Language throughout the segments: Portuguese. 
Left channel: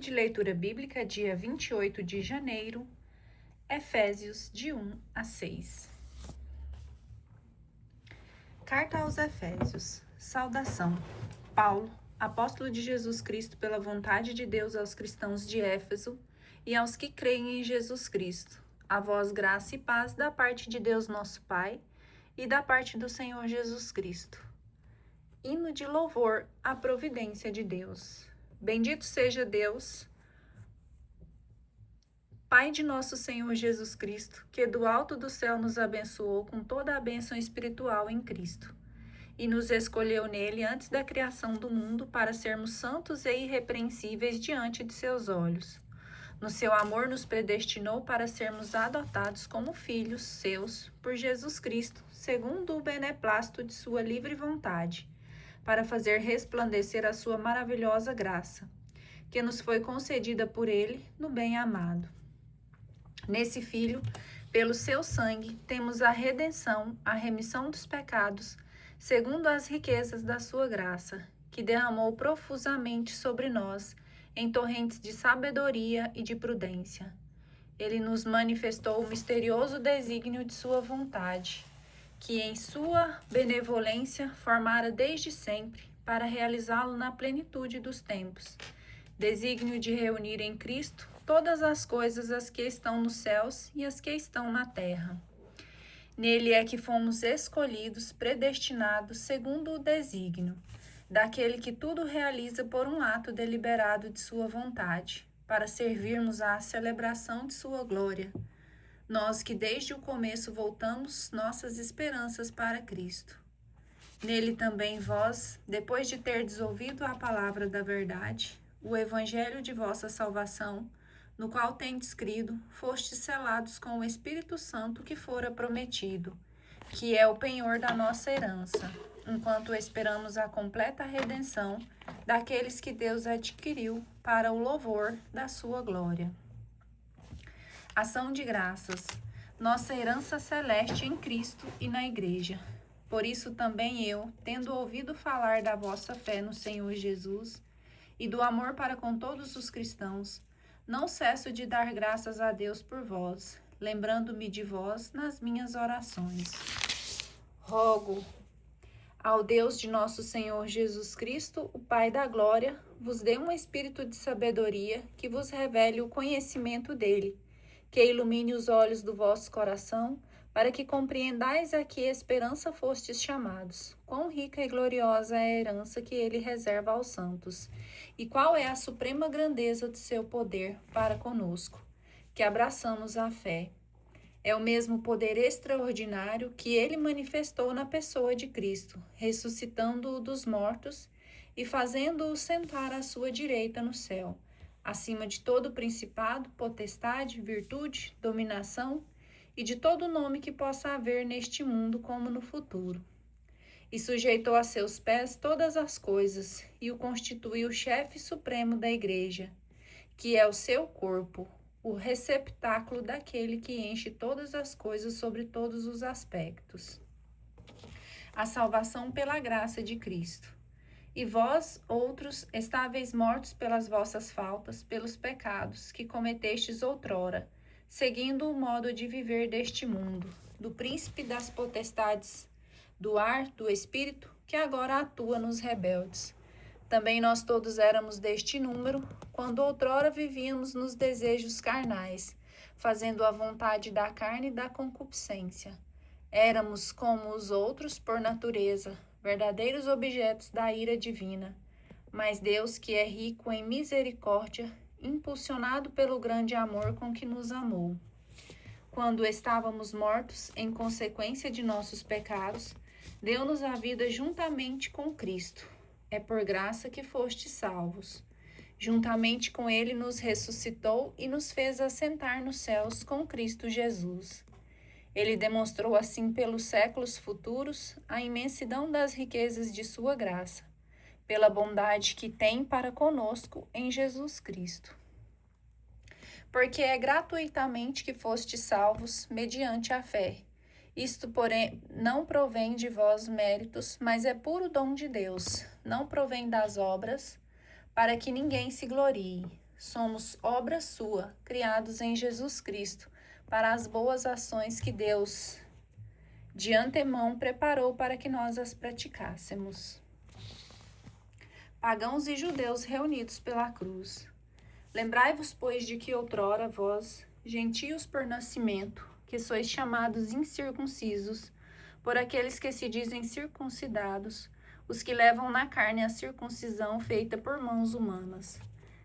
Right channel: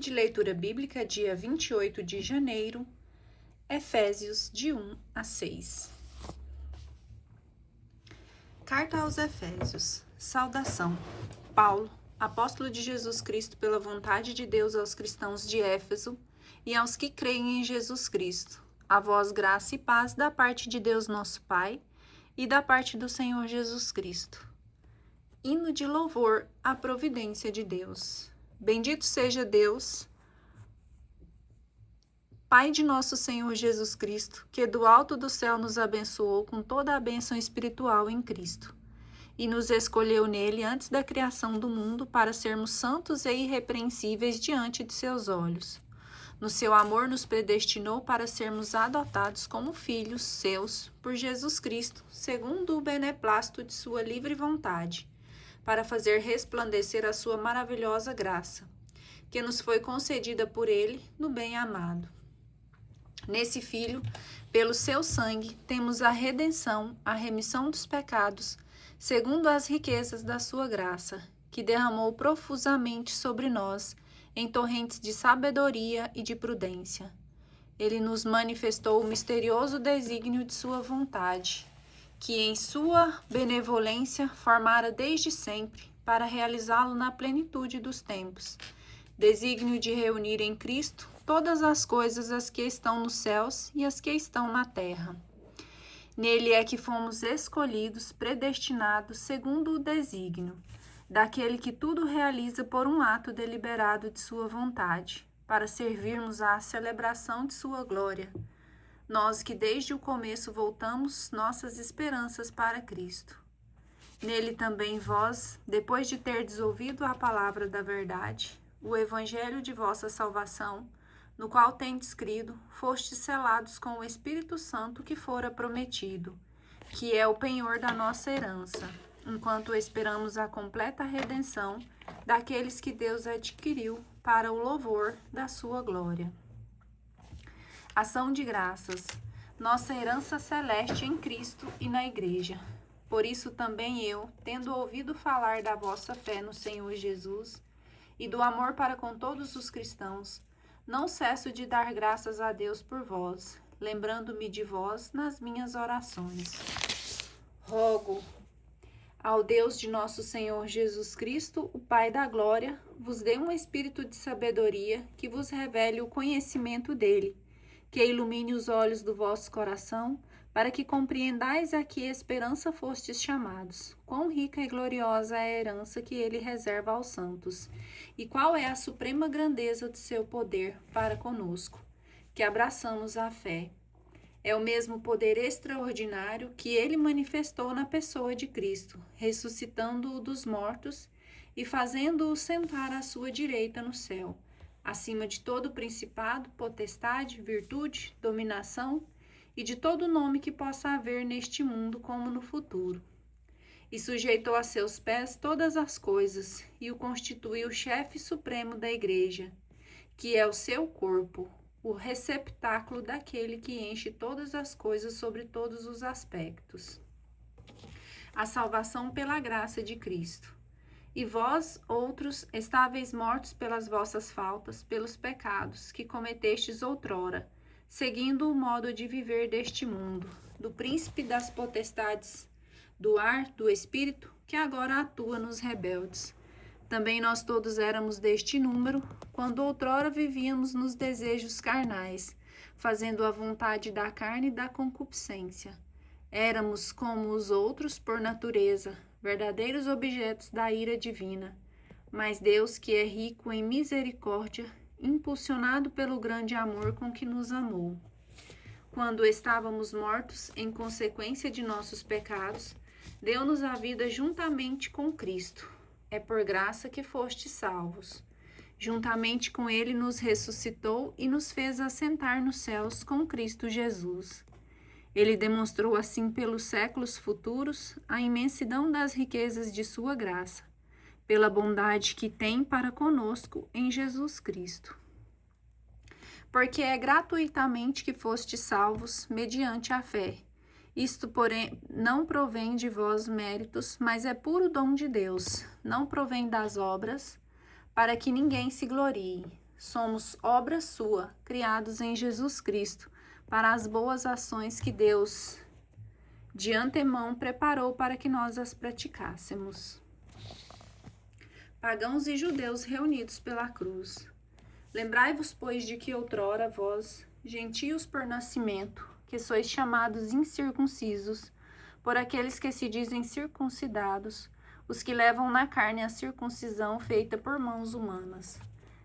de leitura bíblica, dia 28 de janeiro, Efésios, de 1 a 6. Carta aos Efésios. Saudação. Paulo, apóstolo de Jesus Cristo pela vontade de Deus aos cristãos de Éfeso e aos que creem em Jesus Cristo. A vós graça e paz da parte de Deus nosso Pai e da parte do Senhor Jesus Cristo. Hino de louvor à providência de Deus. Bendito seja Deus, Pai de nosso Senhor Jesus Cristo, que do alto do céu nos abençoou com toda a bênção espiritual em Cristo, e nos escolheu nele antes da criação do mundo para sermos santos e irrepreensíveis diante de seus olhos. No seu amor nos predestinou para sermos adotados como filhos seus por Jesus Cristo, segundo o beneplácito de sua livre vontade, para fazer resplandecer a sua maravilhosa graça, que nos foi concedida por ele no bem-amado. Nesse Filho, pelo seu sangue, temos a redenção, a remissão dos pecados, segundo as riquezas da sua graça, que derramou profusamente sobre nós, em torrentes de sabedoria e de prudência. Ele nos manifestou o misterioso desígnio de sua vontade, que em sua benevolência formara desde sempre, para realizá-lo na plenitude dos tempos. Desígnio de reunir em Cristo todas as coisas, as que estão nos céus e as que estão na terra. Nele é que fomos escolhidos, predestinados, segundo o desígnio, daquele que tudo realiza por um ato deliberado de sua vontade, para servirmos à celebração de sua glória. Nós que desde o começo voltamos nossas esperanças para Cristo. Nele também vós, depois de terdes ouvido a palavra da verdade, o evangelho de vossa salvação, no qual tendes crido, fostes selados com o Espírito Santo que fora prometido, que é o penhor da nossa herança, enquanto esperamos a completa redenção daqueles que Deus adquiriu para o louvor da sua glória. Ação de graças, nossa herança celeste em Cristo e na Igreja. Por isso também eu, tendo ouvido falar da vossa fé no Senhor Jesus e do amor para com todos os cristãos, não cesso de dar graças a Deus por vós, lembrando-me de vós nas minhas orações. Rogo ao Deus de nosso Senhor Jesus Cristo, o Pai da glória, vos dê um espírito de sabedoria que vos revele o conhecimento dele, que ilumine os olhos do vosso coração, para que compreendais a que esperança fostes chamados, quão rica e gloriosa é a herança que ele reserva aos santos, e qual é a suprema grandeza do seu poder para conosco, que abraçamos a fé. É o mesmo poder extraordinário que ele manifestou na pessoa de Cristo, ressuscitando-o dos mortos e fazendo-o sentar à sua direita no céu, acima de todo principado, potestade, virtude, dominação e de todo nome que possa haver neste mundo como no futuro. E sujeitou a seus pés todas as coisas e o constituiu chefe supremo da Igreja, que é o seu corpo, o receptáculo daquele que enche todas as coisas sobre todos os aspectos. A salvação pela graça de Cristo. E vós, outros, estáveis mortos pelas vossas faltas, pelos pecados que cometestes outrora, seguindo o modo de viver deste mundo, do príncipe das potestades, do ar, do espírito, que agora atua nos rebeldes. Também nós todos éramos deste número, quando outrora vivíamos nos desejos carnais, fazendo a vontade da carne e da concupiscência. Éramos como os outros por natureza, verdadeiros objetos da ira divina. Mas Deus, que é rico em misericórdia, impulsionado pelo grande amor com que nos amou, quando estávamos mortos em consequência de nossos pecados, deu-nos a vida juntamente com Cristo. É por graça que fostes salvos. Juntamente com ele nos ressuscitou e nos fez assentar nos céus com Cristo Jesus. Ele demonstrou assim pelos séculos futuros a imensidão das riquezas de sua graça, pela bondade que tem para conosco em Jesus Cristo. Porque é gratuitamente que fostes salvos, mediante a fé. Isto, porém, não provém de vós méritos, mas é puro dom de Deus, não provém das obras, para que ninguém se glorie. somos obra sua, criados em Jesus Cristo, para as boas ações que Deus de antemão preparou para que nós as praticássemos. Pagãos e judeus reunidos pela cruz, lembrai-vos, pois, de que outrora vós, gentios por nascimento, que sois chamados incircuncisos, por aqueles que se dizem circuncidados, os que levam na carne a circuncisão feita por mãos humanas.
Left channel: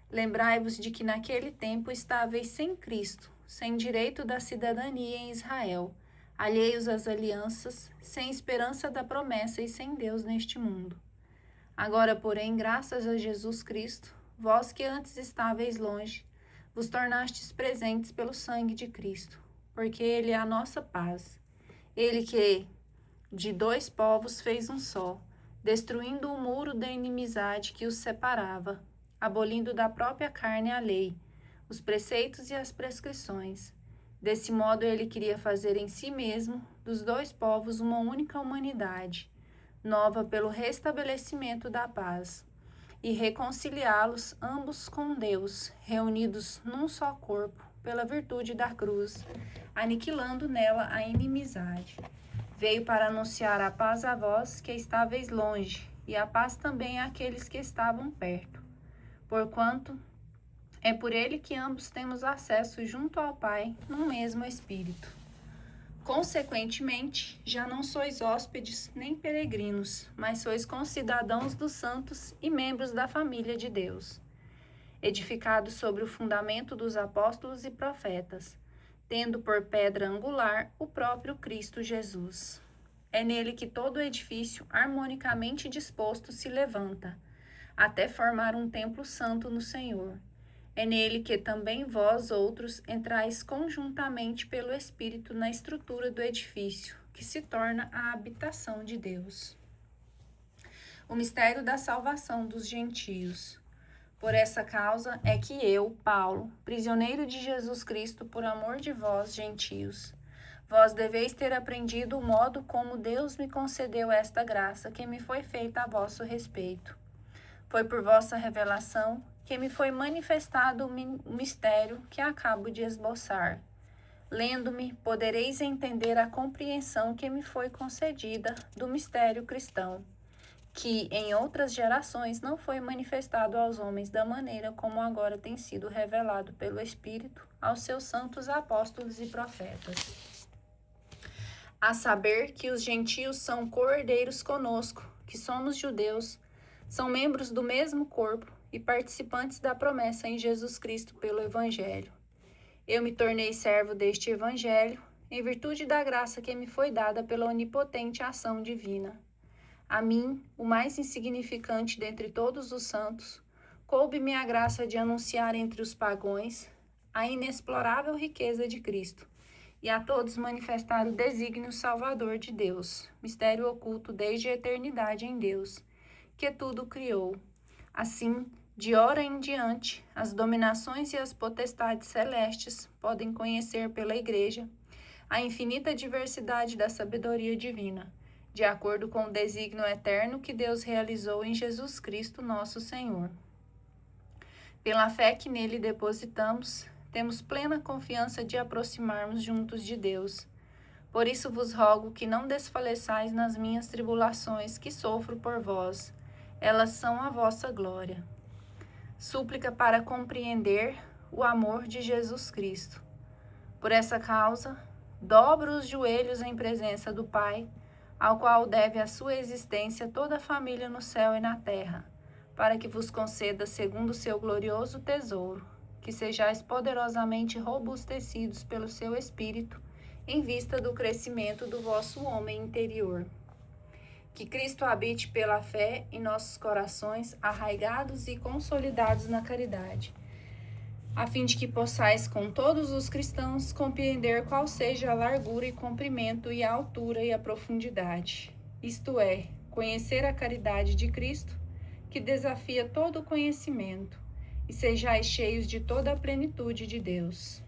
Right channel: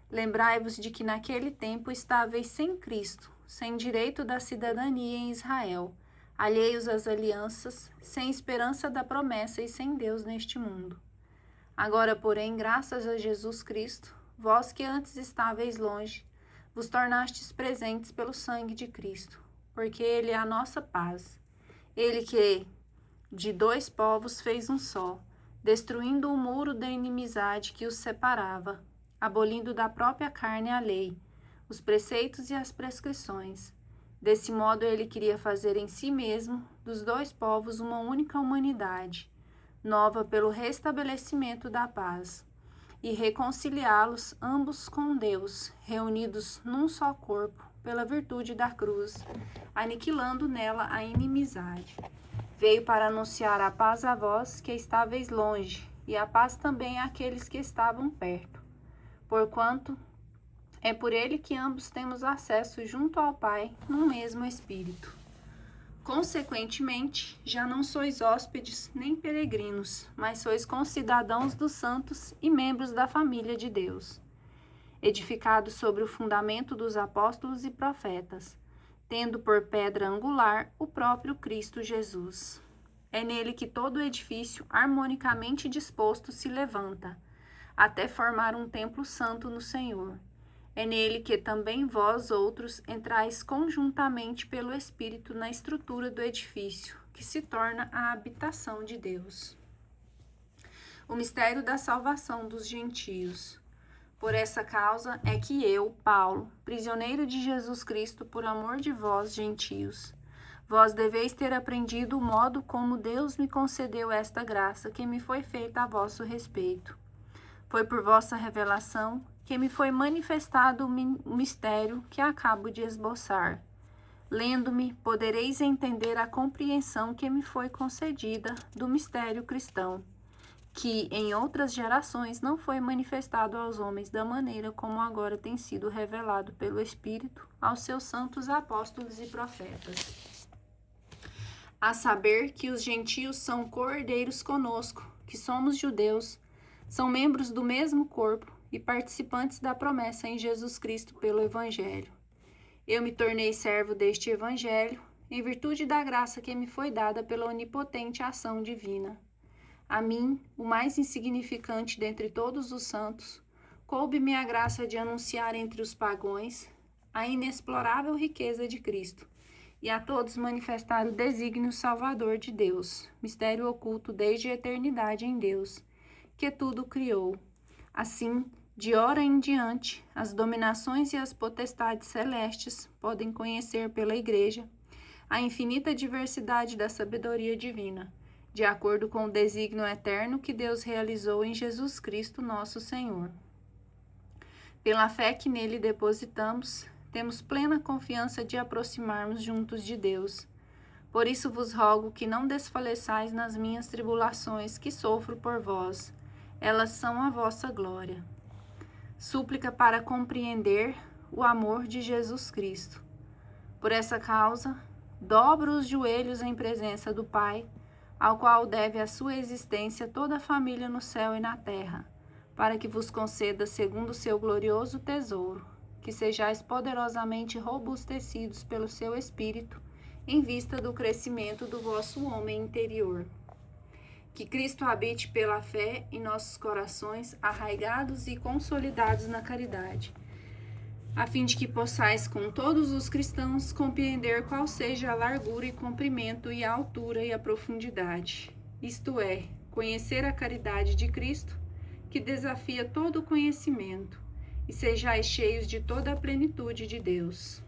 Lembrai-vos de que naquele tempo estáveis sem Cristo, sem direito da cidadania em Israel, alheios às alianças, sem esperança da promessa e sem Deus neste mundo. Agora, porém, graças a Jesus Cristo, vós que antes estáveis longe, vos tornastes presentes pelo sangue de Cristo, porque Ele é a nossa paz. Ele que de dois povos fez um só, destruindo o muro da inimizade que os separava, abolindo da própria carne a lei, os preceitos e as prescrições. Desse modo ele queria fazer em si mesmo, dos dois povos, uma única humanidade, nova pelo restabelecimento da paz, e reconciliá-los ambos com Deus, reunidos num só corpo, pela virtude da cruz, aniquilando nela a inimizade. Veio para anunciar a paz a vós que estáveis longe, e a paz também àqueles que estavam perto. Porquanto é por ele que ambos temos acesso junto ao Pai no mesmo Espírito. Consequentemente, já não sois hóspedes nem peregrinos, mas sois concidadãos dos santos e membros da família de Deus, edificados sobre o fundamento dos apóstolos e profetas, tendo por pedra angular o próprio Cristo Jesus. É nele que todo o edifício harmonicamente disposto se levanta, até formar um templo santo no Senhor. É nele que também vós outros entrais conjuntamente pelo Espírito na estrutura do edifício, que se torna a habitação de Deus. O mistério da salvação dos gentios. Por essa causa é que eu, Paulo, prisioneiro de Jesus Cristo, por amor de vós, gentios, vós deveis ter aprendido o modo como Deus me concedeu esta graça que me foi feita a vosso respeito. Foi por vossa revelação que me foi manifestado o mistério que acabo de esboçar. Lendo-me, podereis entender a compreensão que me foi concedida do mistério cristão, que em outras gerações não foi manifestado aos homens da maneira como agora tem sido revelado pelo Espírito aos seus santos apóstolos e profetas. A saber que os gentios são co-herdeiros conosco, que somos judeus, são membros do mesmo corpo e participantes da promessa em Jesus Cristo pelo Evangelho. Eu me tornei servo deste Evangelho, em virtude da graça que me foi dada pela onipotente ação divina. A mim, o mais insignificante dentre todos os santos, coube-me a graça de anunciar entre os pagãos a inexplorável riqueza de Cristo, e a todos manifestar o desígnio salvador de Deus, mistério oculto desde a eternidade em Deus, que tudo criou. Assim, de ora em diante, as dominações e as potestades celestes podem conhecer pela Igreja a infinita diversidade da sabedoria divina, de acordo com o desígnio eterno que Deus realizou em Jesus Cristo, nosso Senhor. Pela fé que nele depositamos, temos plena confiança de aproximarmos juntos de Deus. Por isso vos rogo que não desfaleçais nas minhas tribulações que sofro por vós. Elas são a vossa glória. Súplica para compreender o amor de Jesus Cristo. Por essa causa, dobro os joelhos em presença do Pai, ao qual deve a sua existência toda a família no céu e na terra, para que vos conceda segundo o seu glorioso tesouro, que sejais poderosamente robustecidos pelo seu Espírito, em vista do crescimento do vosso homem interior. Que Cristo habite pela fé em nossos corações, arraigados e consolidados na caridade, a fim de que possais com todos os cristãos compreender qual seja a largura e comprimento e a altura e a profundidade, isto é, conhecer a caridade de Cristo, que desafia todo o conhecimento, e sejais cheios de toda a plenitude de Deus.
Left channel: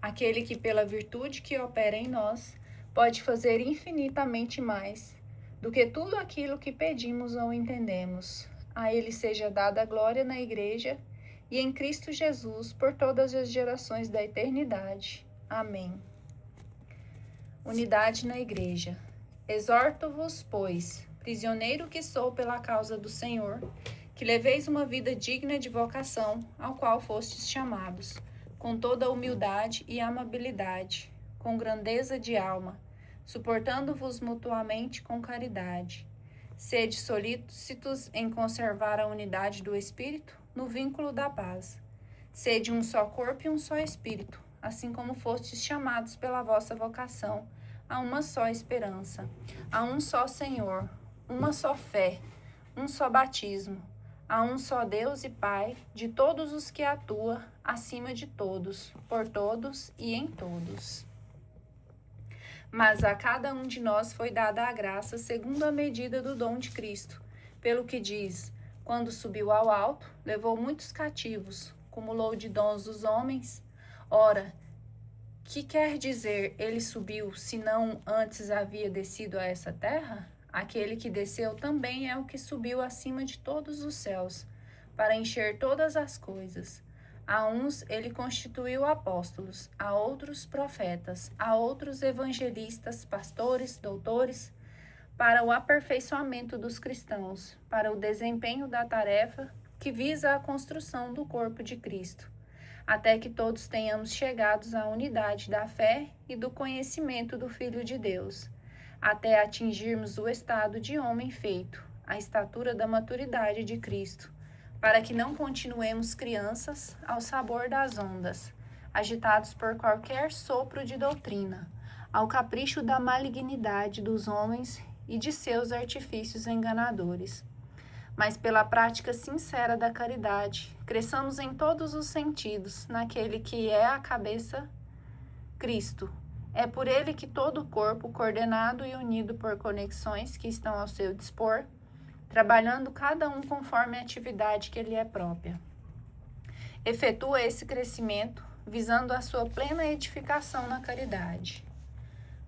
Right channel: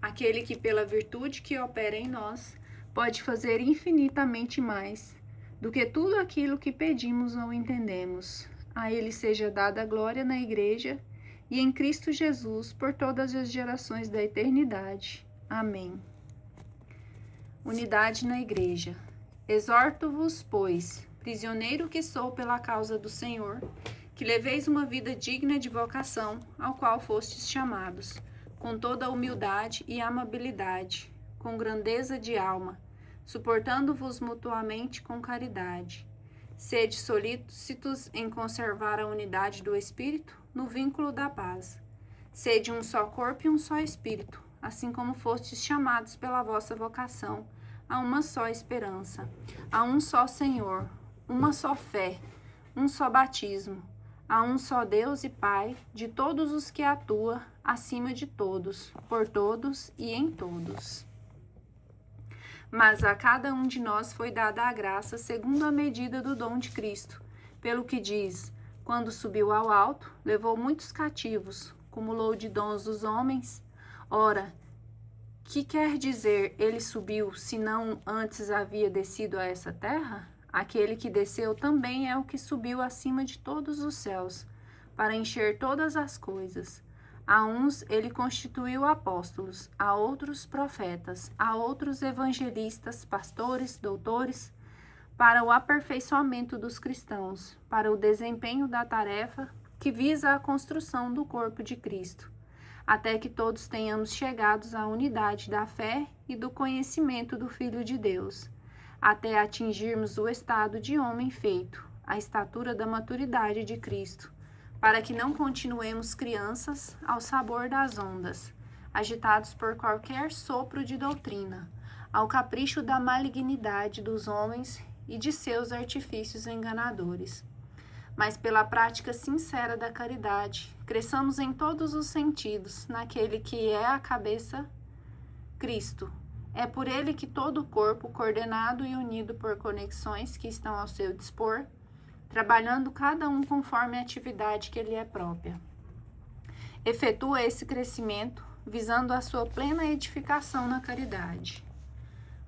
Aquele que pela virtude que opera em nós, pode fazer infinitamente mais do que tudo aquilo que pedimos ou entendemos. A ele seja dada a glória na Igreja e em Cristo Jesus por todas as gerações da eternidade. Amém. Unidade na Igreja. Exorto-vos, pois, prisioneiro que sou pela causa do Senhor, que leveis uma vida digna de vocação, ao qual fostes chamados, com toda humildade e amabilidade, com grandeza de alma, suportando-vos mutuamente com caridade. Sede solícitos em conservar a unidade do Espírito no vínculo da paz. Sede um só corpo e um só Espírito, assim como fostes chamados pela vossa vocação a uma só esperança, a um só Senhor, uma só fé, um só batismo, a um só Deus e Pai de todos os que atua acima de todos, por todos e em todos. Mas a cada um de nós foi dada a graça segundo a medida do dom de Cristo, pelo que diz: quando subiu ao alto, levou muitos cativos, cumulou de dons dos homens. Ora, que quer dizer ele subiu, se não antes havia descido a essa terra? Aquele que desceu também é o que subiu acima de todos os céus, para encher todas as coisas. A uns ele constituiu apóstolos, a outros profetas, a outros evangelistas, pastores, doutores, para o aperfeiçoamento dos cristãos, para o desempenho da tarefa que visa a construção do corpo de Cristo, até que todos tenhamos chegados à unidade da fé e do conhecimento do Filho de Deus, até atingirmos o estado de homem feito, a estatura da maturidade de Cristo, para que não continuemos crianças ao sabor das ondas, agitados por qualquer sopro de doutrina, ao capricho da malignidade dos homens e de seus artifícios enganadores. Mas pela prática sincera da caridade, cresçamos em todos os sentidos naquele que é a cabeça, Cristo. É por ele que todo o corpo, coordenado e unido por conexões que estão ao seu dispor, trabalhando cada um conforme a atividade que lhe é própria, efetua esse crescimento, visando a sua plena edificação na caridade.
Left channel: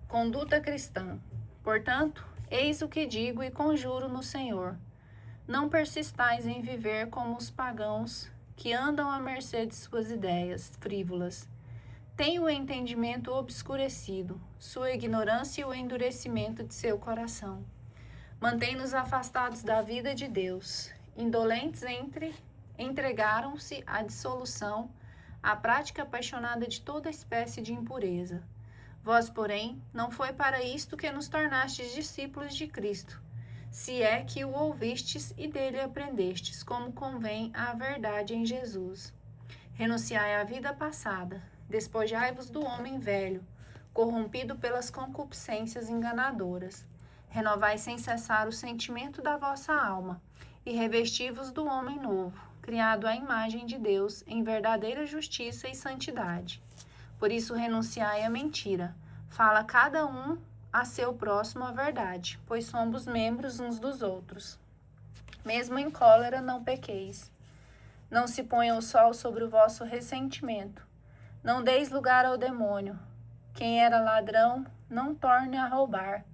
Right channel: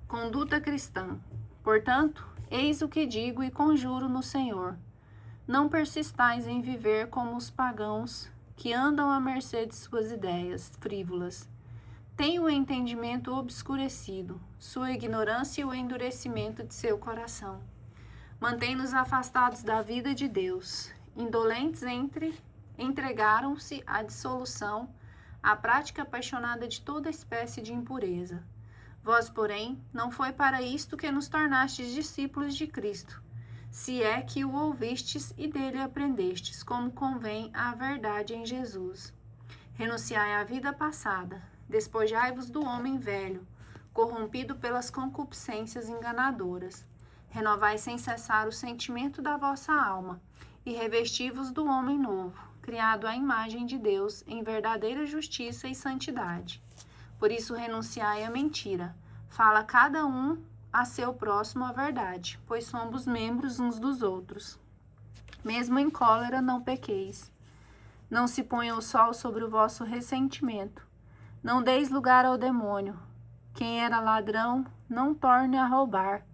Conduta cristã. Portanto, eis o que digo e conjuro no Senhor: não persistais em viver como os pagãos, que andam à mercê de suas ideias frívolas. Tem o entendimento obscurecido, sua ignorância e o endurecimento de seu coração. Mantém-nos afastados da vida de Deus. Indolentes entregaram-se à dissolução, à prática apaixonada de toda espécie de impureza. Vós, porém, não foi para isto que nos tornastes discípulos de Cristo, se é que o ouvistes e dele aprendestes, como convém à verdade em Jesus. Renunciai à vida passada, despojai-vos do homem velho, corrompido pelas concupiscências enganadoras. Renovai sem cessar o sentimento da vossa alma, e revesti-vos do homem novo, criado à imagem de Deus em verdadeira justiça e santidade. Por isso renunciai à mentira, fala cada um a seu próximo a verdade, pois somos membros uns dos outros. Mesmo em cólera não pequeis. Não se ponha o sol sobre o vosso ressentimento. Não deis lugar ao demônio. Quem era ladrão, não torne a roubar.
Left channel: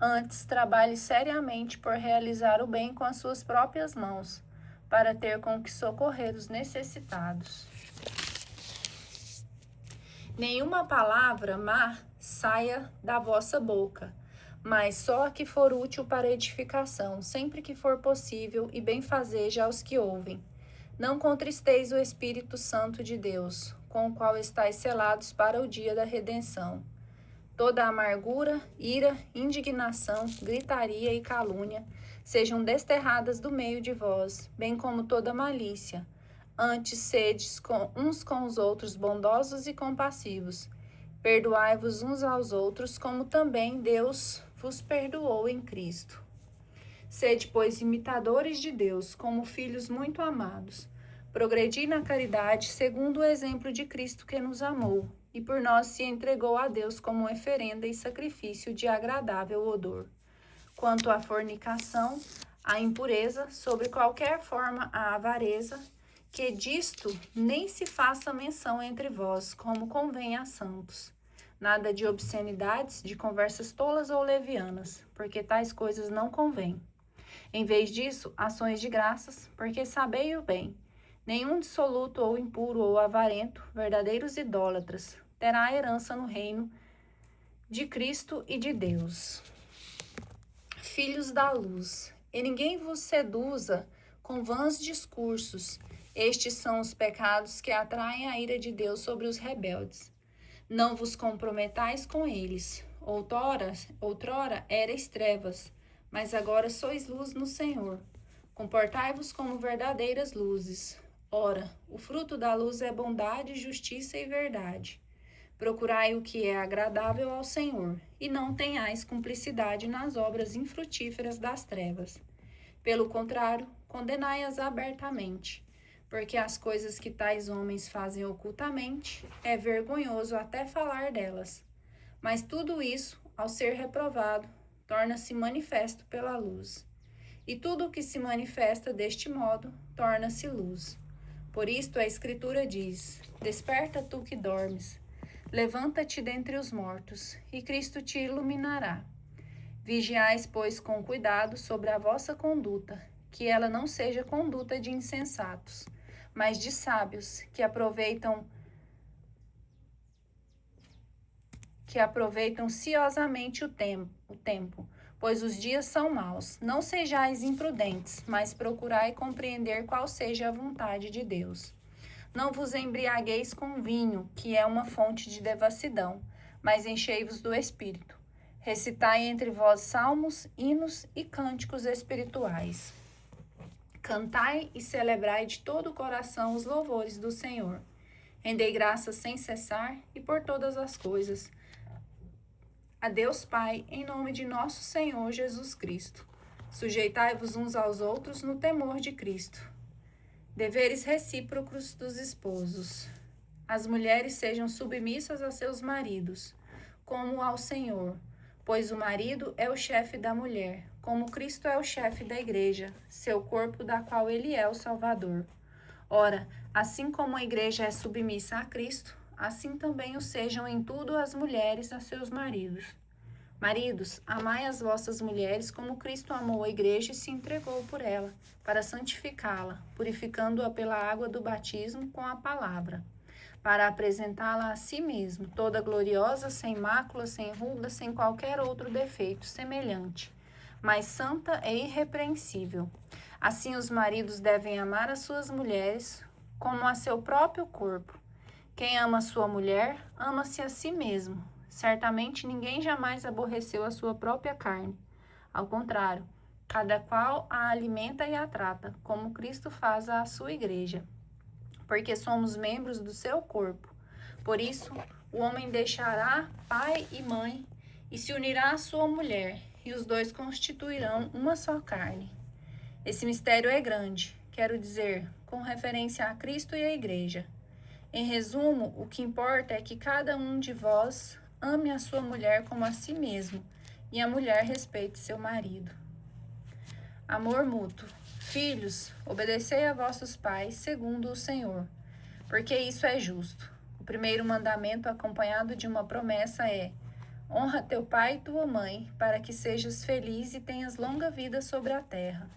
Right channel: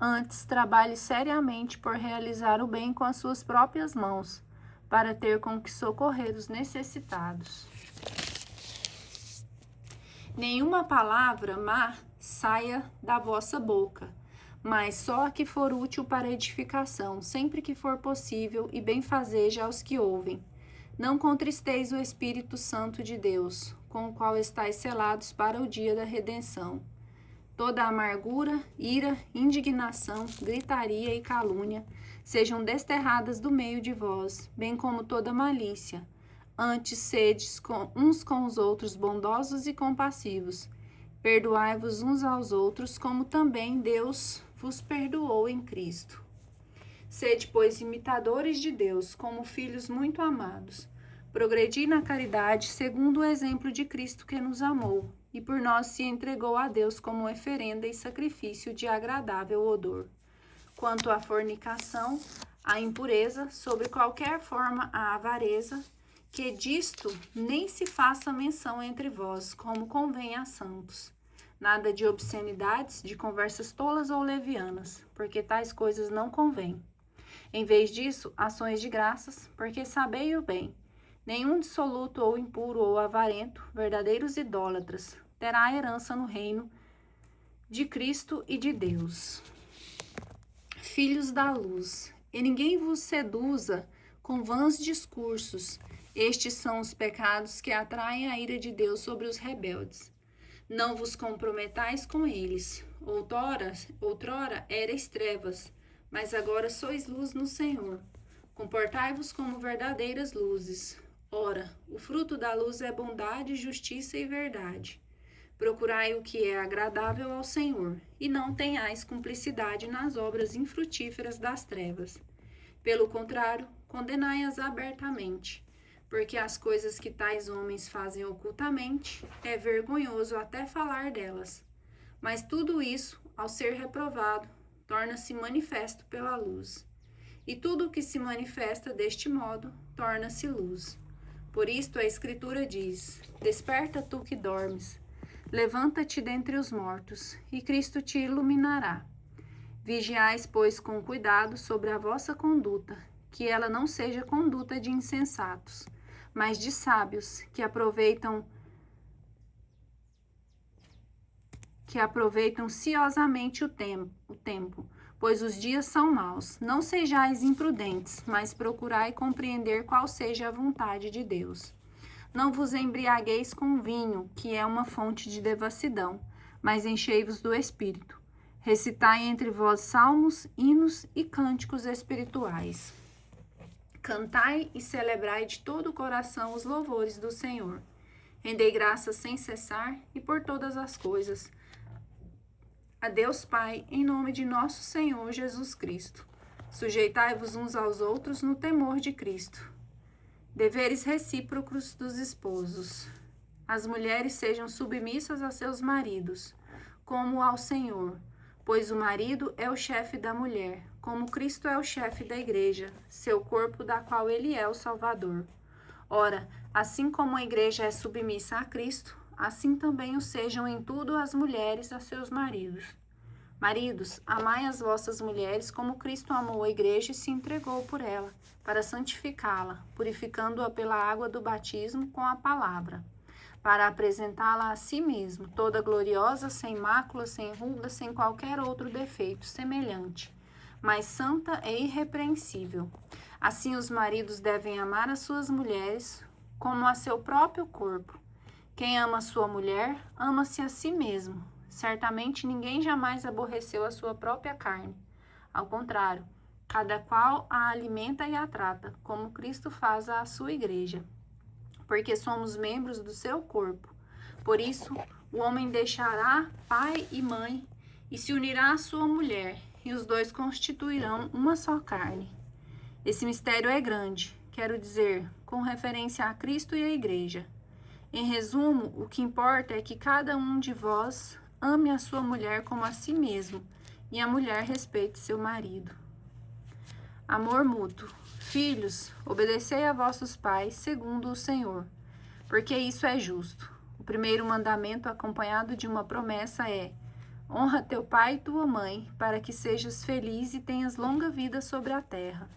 Antes, trabalhe seriamente por realizar o bem com as suas próprias mãos, para ter com que socorrer os necessitados. Nenhuma palavra má saia da vossa boca, mas só a que for útil para edificação, sempre que for possível, e benfazeja aos que ouvem. Não contristeis o Espírito Santo de Deus, com o qual estáis selados para o dia da redenção. Toda amargura, ira, indignação, gritaria e calúnia sejam desterradas do meio de vós, bem como toda malícia. Antes sedes uns com os outros bondosos e compassivos. Perdoai-vos uns aos outros, como também Deus vos perdoou em Cristo. Sede, pois, imitadores de Deus, como filhos muito amados. Progredi na caridade, segundo o exemplo de Cristo que nos amou, e por nós se entregou a Deus como oferenda e sacrifício de agradável odor. Quanto à fornicação, à impureza, sobre qualquer forma à avareza, que disto nem se faça menção entre vós, como convém a santos. Nada de obscenidades, de conversas tolas ou levianas, porque tais coisas não convêm. Em vez disso, ações de graças, porque sabei o bem. Nenhum dissoluto ou impuro ou avarento, verdadeiros idólatras, terá herança no reino de Cristo e de Deus. Filhos da luz, e ninguém vos seduza com vãs discursos. Estes são os pecados que atraem a ira de Deus sobre os rebeldes. Não vos comprometais com eles. Outrora erais trevas, mas agora sois luz no Senhor. Comportai-vos como verdadeiras luzes. Ora, o fruto da luz é bondade, justiça e verdade. Procurai o que é agradável ao Senhor, e não tenhais cumplicidade nas obras infrutíferas das trevas. Pelo contrário, condenai-as abertamente, porque as coisas que tais homens fazem ocultamente é vergonhoso até falar delas. Mas tudo isso, ao ser reprovado, torna-se manifesto pela luz. E tudo o que se manifesta deste modo torna-se luz. Por isto a Escritura diz: Desperta tu que dormes, levanta-te dentre os mortos, e Cristo te iluminará. Vigiais, pois, com cuidado sobre a vossa conduta, que ela não seja conduta de insensatos, mas de sábios, que aproveitam ciosamente o tempo, pois os dias são maus. Não sejais imprudentes, mas procurai compreender qual seja a vontade de Deus. Não vos embriagueis com vinho, que é uma fonte de devassidão, mas enchei-vos do Espírito. Recitai entre vós salmos, hinos e cânticos espirituais. Cantai e celebrai de todo o coração os louvores do Senhor. Rendei graças sem cessar e por todas as coisas a Deus Pai, em nome de nosso Senhor Jesus Cristo. Sujeitai-vos uns aos outros no temor de Cristo. Deveres recíprocos dos esposos. As mulheres sejam submissas a seus maridos, como ao Senhor, pois o marido é o chefe da mulher, como Cristo é o chefe da igreja, seu corpo, da qual ele é o Salvador. Ora, assim como a igreja é submissa a Cristo, assim também o sejam em tudo as mulheres a seus maridos. Maridos, amai as vossas mulheres como Cristo amou a igreja e se entregou por ela, para santificá-la, purificando-a pela água do batismo com a palavra, para apresentá-la a si mesmo, toda gloriosa, sem mácula, sem ruga, sem qualquer outro defeito semelhante, mas santa e irrepreensível. Assim os maridos devem amar as suas mulheres como a seu próprio corpo. Quem ama sua mulher, ama-se a si mesmo. Certamente ninguém jamais aborreceu a sua própria carne. Ao contrário, cada qual a alimenta e a trata, como Cristo faz à sua igreja, porque somos membros do seu corpo. Por isso, o homem deixará pai e mãe e se unirá à sua mulher, e os dois constituirão uma só carne. Esse mistério é grande, quero dizer, com referência a Cristo e a igreja. Em resumo, o que importa é que cada um de vós ame a sua mulher como a si mesmo, e a mulher respeite seu marido. Amor mútuo. Filhos, obedecei a vossos pais, segundo o Senhor, porque isso é justo. O primeiro mandamento, acompanhado de uma promessa, é: honra teu pai e tua mãe, para que sejas feliz e tenhas longa vida sobre a terra.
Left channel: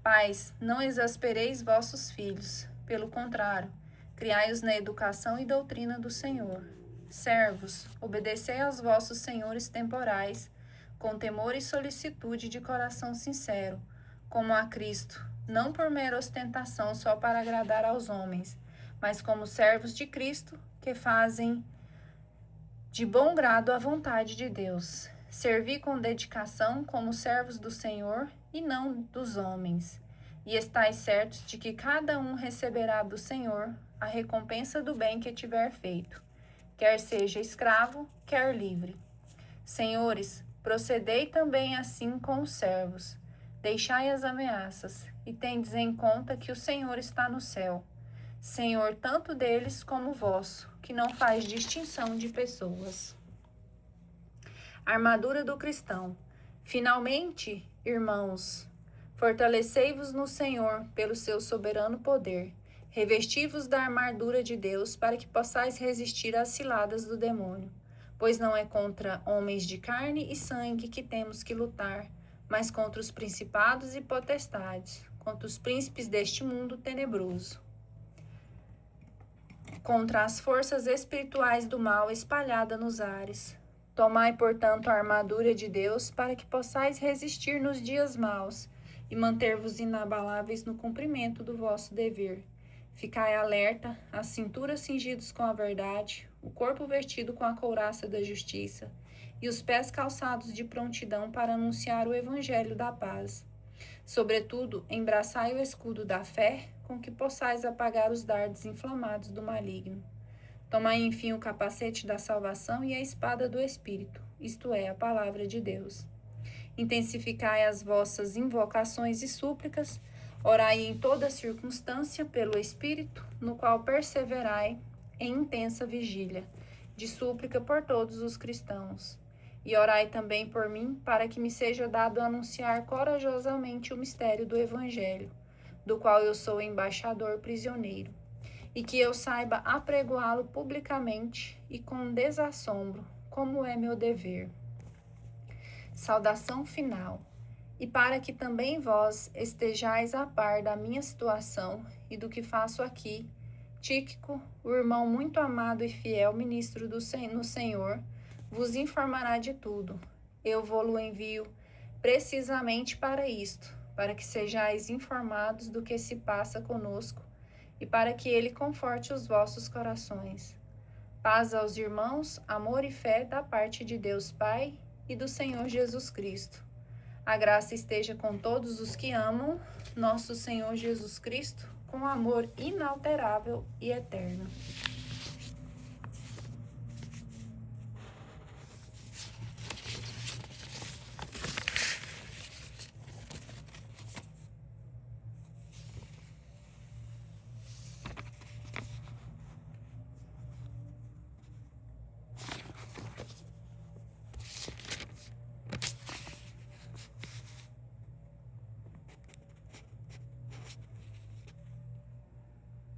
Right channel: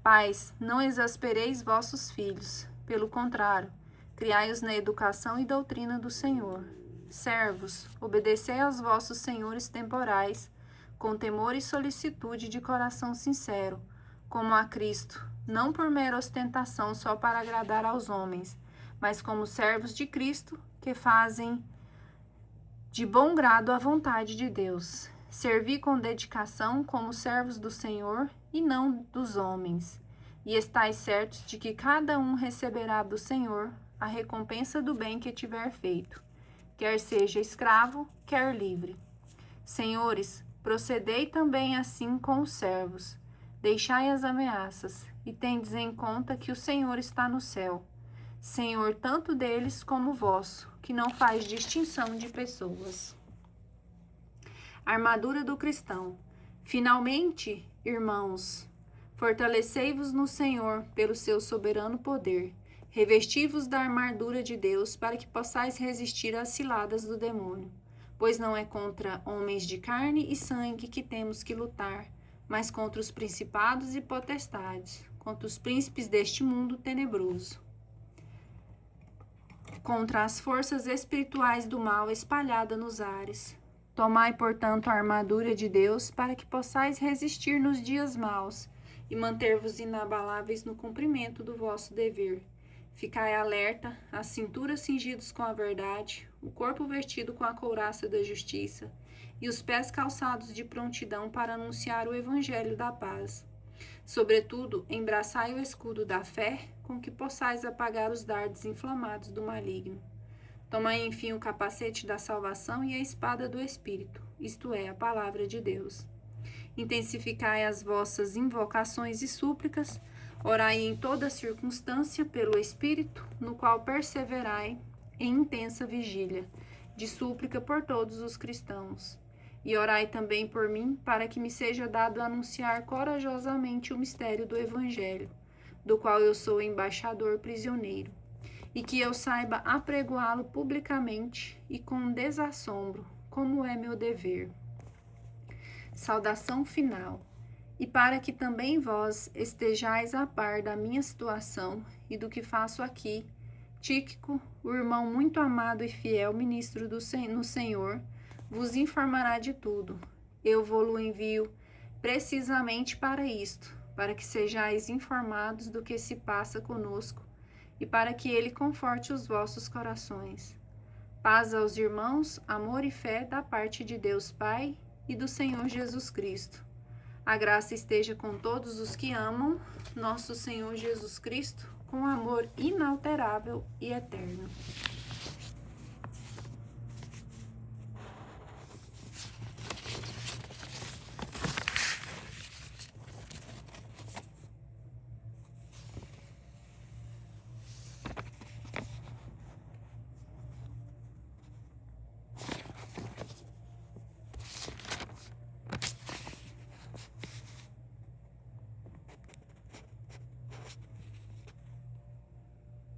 Pais, não exaspereis vossos filhos, pelo contrário, criai-os na educação e doutrina do Senhor. Servos, obedecei aos vossos senhores temporais, com temor e solicitude de coração sincero, como a Cristo, não por mera ostentação só para agradar aos homens, mas como servos de Cristo, que fazem de bom grado a vontade de Deus. Servi com dedicação como servos do Senhor e não dos homens. E estais certos de que cada um receberá do Senhor a recompensa do bem que tiver feito, quer seja escravo, quer livre. Senhores, procedei também assim com os servos. Deixai as ameaças, e tendes em conta que o Senhor está no céu, Senhor tanto deles como vosso, que não faz distinção de pessoas. Armadura do cristão. Finalmente, irmãos, fortalecei-vos no Senhor pelo seu soberano poder. Revesti-vos da armadura de Deus para que possais resistir às ciladas do demônio. Pois não é contra homens de carne e sangue que temos que lutar, mas contra os principados e potestades, contra os príncipes deste mundo tenebroso, contra as forças espirituais do mal espalhadas nos ares. Tomai, portanto, a armadura de Deus, para que possais resistir nos dias maus e manter-vos inabaláveis no cumprimento do vosso dever. Ficai alerta, a cintura cingidos com a verdade, o corpo vestido com a couraça da justiça e os pés calçados de prontidão para anunciar o evangelho da paz. Sobretudo, embraçai o escudo da fé, com que possais apagar os dardos inflamados do maligno. Tomai, enfim, o capacete da salvação e a espada do Espírito, isto é, a palavra de Deus. Intensificai as vossas invocações e súplicas, orai em toda circunstância pelo Espírito, no qual perseverai em intensa vigília, de súplica por todos os cristãos. E orai também por mim, para que me seja dado anunciar corajosamente o mistério do Evangelho, do qual eu sou embaixador prisioneiro, e que eu saiba apregoá-lo publicamente e com desassombro, como é meu dever. Saudação final. E para que também vós estejais a par da minha situação e do que faço aqui, Tíquico, o irmão muito amado e fiel ministro no Senhor, vos informará de tudo. Eu vou-lo envio precisamente para isto, para que sejais informados do que se passa conosco e para que ele conforte os vossos corações. Paz aos irmãos, amor e fé da parte de Deus Pai e do Senhor Jesus Cristo. A graça esteja com todos os que amam nosso Senhor Jesus Cristo, com amor inalterável e eterno.